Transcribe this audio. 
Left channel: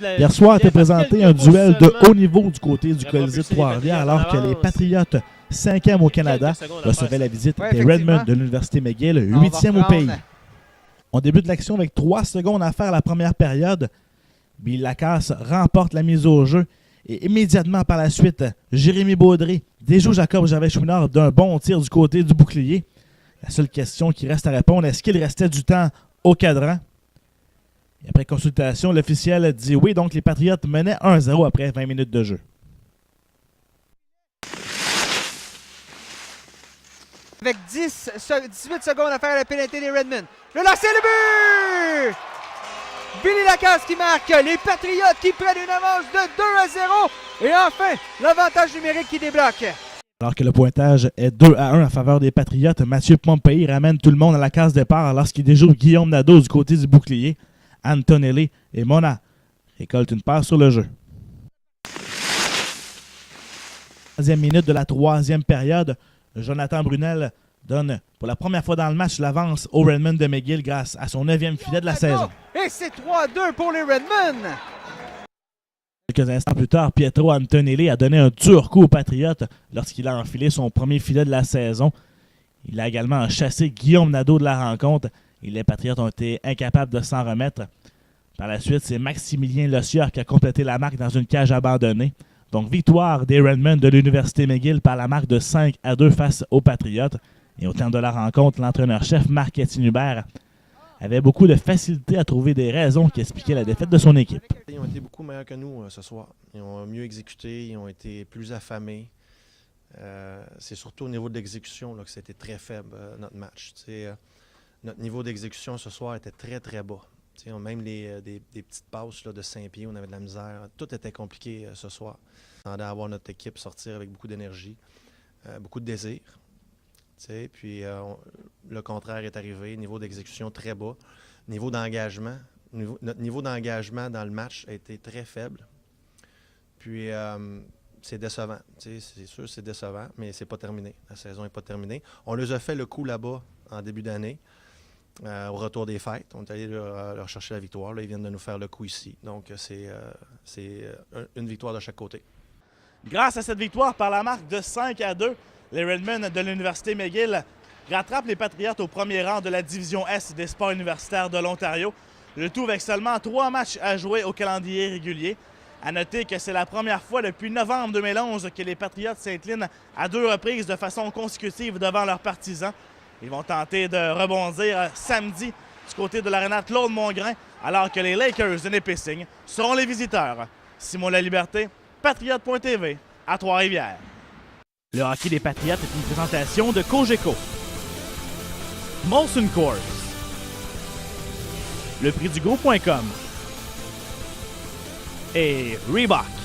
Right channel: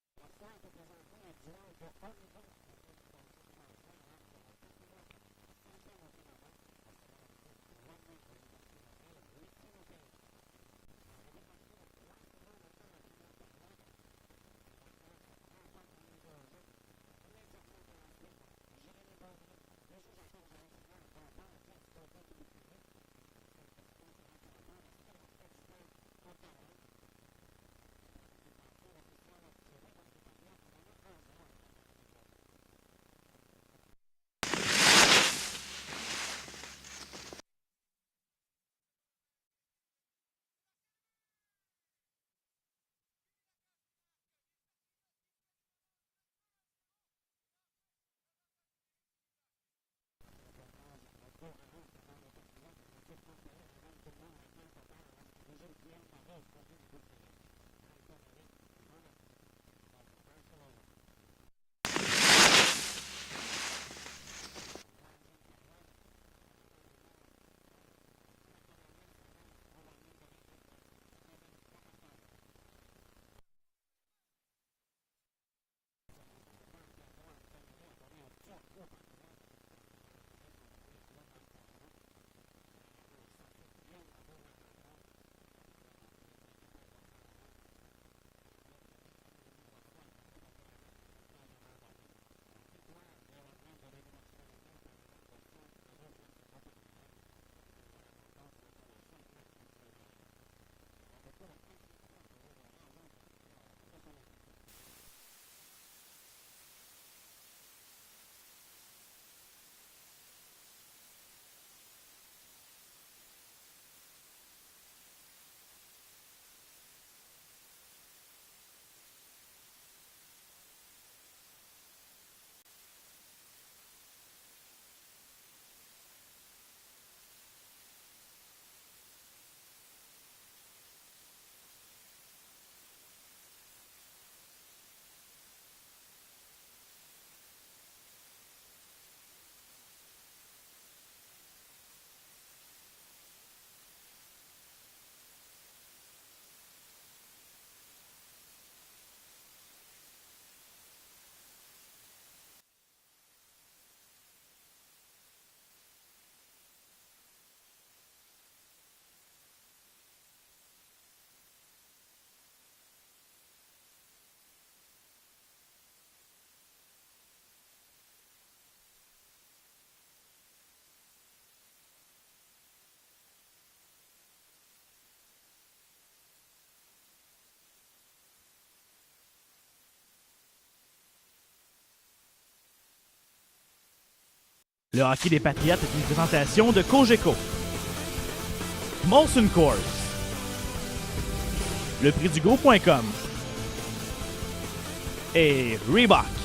Hier soir a été présenté un duel de haut niveau du côté du Colisée de Trois-Rivières alors que les Patriotes, 5e au Canada, recevaient la visite des Redmen de l'Université McGill, 8e au pays. On débute l'action avec 3 secondes à faire à la première période. Bill Lacasse remporte la mise au jeu et immédiatement par la suite, Jérémy Baudry déjoue Jacob Gervais-Chouinard d'un bon tir du côté du bouclier. La seule question qui reste à répondre, est-ce qu'il restait du temps au cadran? Et après consultation, l'officiel dit oui, donc les Patriotes menaient 1-0 après 20 minutes de jeu. Avec 18 secondes à faire à la pénalité des Redmen. Le lancer, le but! Billy Lacasse qui marque, les Patriotes qui prennent une avance de 2-0 et enfin l'avantage numérique qui débloque. Alors que le pointage est 2-1 en faveur des Patriotes, Mathieu Pompey ramène tout le monde à la case départ lorsqu'il déjoue Guillaume Nadeau du côté du bouclier. Antonelli et Mona récoltent une passe sur le jeu. 3e minute de la 3e période, Jonathan Brunel donne pour la première fois dans le match l'avance aux Redmen de McGill grâce à son 9e filet de la saison. Et c'est 3-2 pour les Redmen. Quelques instants plus tard, Pietro Antonelli a donné un dur coup aux Patriotes lorsqu'il a enfilé son premier filet de la saison. Il a également chassé Guillaume Nadeau de la rencontre et les Patriotes ont été incapables de s'en remettre. Par la suite, c'est Maximilien Lossieur qui a complété la marque dans une cage abandonnée. Donc, victoire des Redmen de l'Université McGill par la marque de 5-2 face aux Patriotes. Et au terme de la rencontre, l'entraîneur-chef Marc-Étienne Hubert avait beaucoup de facilité à trouver des raisons qui expliquaient la défaite de son équipe. Ils ont été beaucoup meilleurs que nous ce soir. Ils ont mieux exécuté, ils ont été plus affamés. C'est surtout au niveau de l'exécution que c'était très faible, notre match. Notre niveau d'exécution ce soir était très, très bas. Même des petites passes de 5 pieds, on avait de la misère. Tout était compliqué ce soir. On attendait à voir notre équipe sortir avec beaucoup d'énergie, beaucoup de désir. Puis le contraire est arrivé, niveau d'exécution très bas. Niveau d'engagement, notre niveau d'engagement dans le match a été très faible. Puis c'est décevant. C'est sûr c'est décevant, mais c'est pas terminé. La saison n'est pas terminée. On les a fait le coup là-bas en début d'année. Au retour des fêtes, on est allé leur chercher la victoire. Là, ils viennent de nous faire le coup ici. Donc, c'est une victoire de chaque côté. Grâce à cette victoire par la marque de 5-2, les Redmen de l'Université McGill rattrapent les Patriotes au premier rang de la division S des sports universitaires de l'Ontario. Le tout avec seulement 3 matchs à jouer au calendrier régulier. À noter que c'est la première fois depuis novembre 2011 que les Patriotes s'inclinent à 2 reprises de façon consécutive devant leurs partisans. Ils vont tenter de rebondir samedi du côté de l'aréna Claude Mongrain, alors que les Lakers de Nipissing seront les visiteurs. Simon Laliberté, Patriote.tv, à Trois-Rivières. Le hockey des Patriotes est une présentation de Cogeco, Molson Coors, le prix du gros.com et Reebok.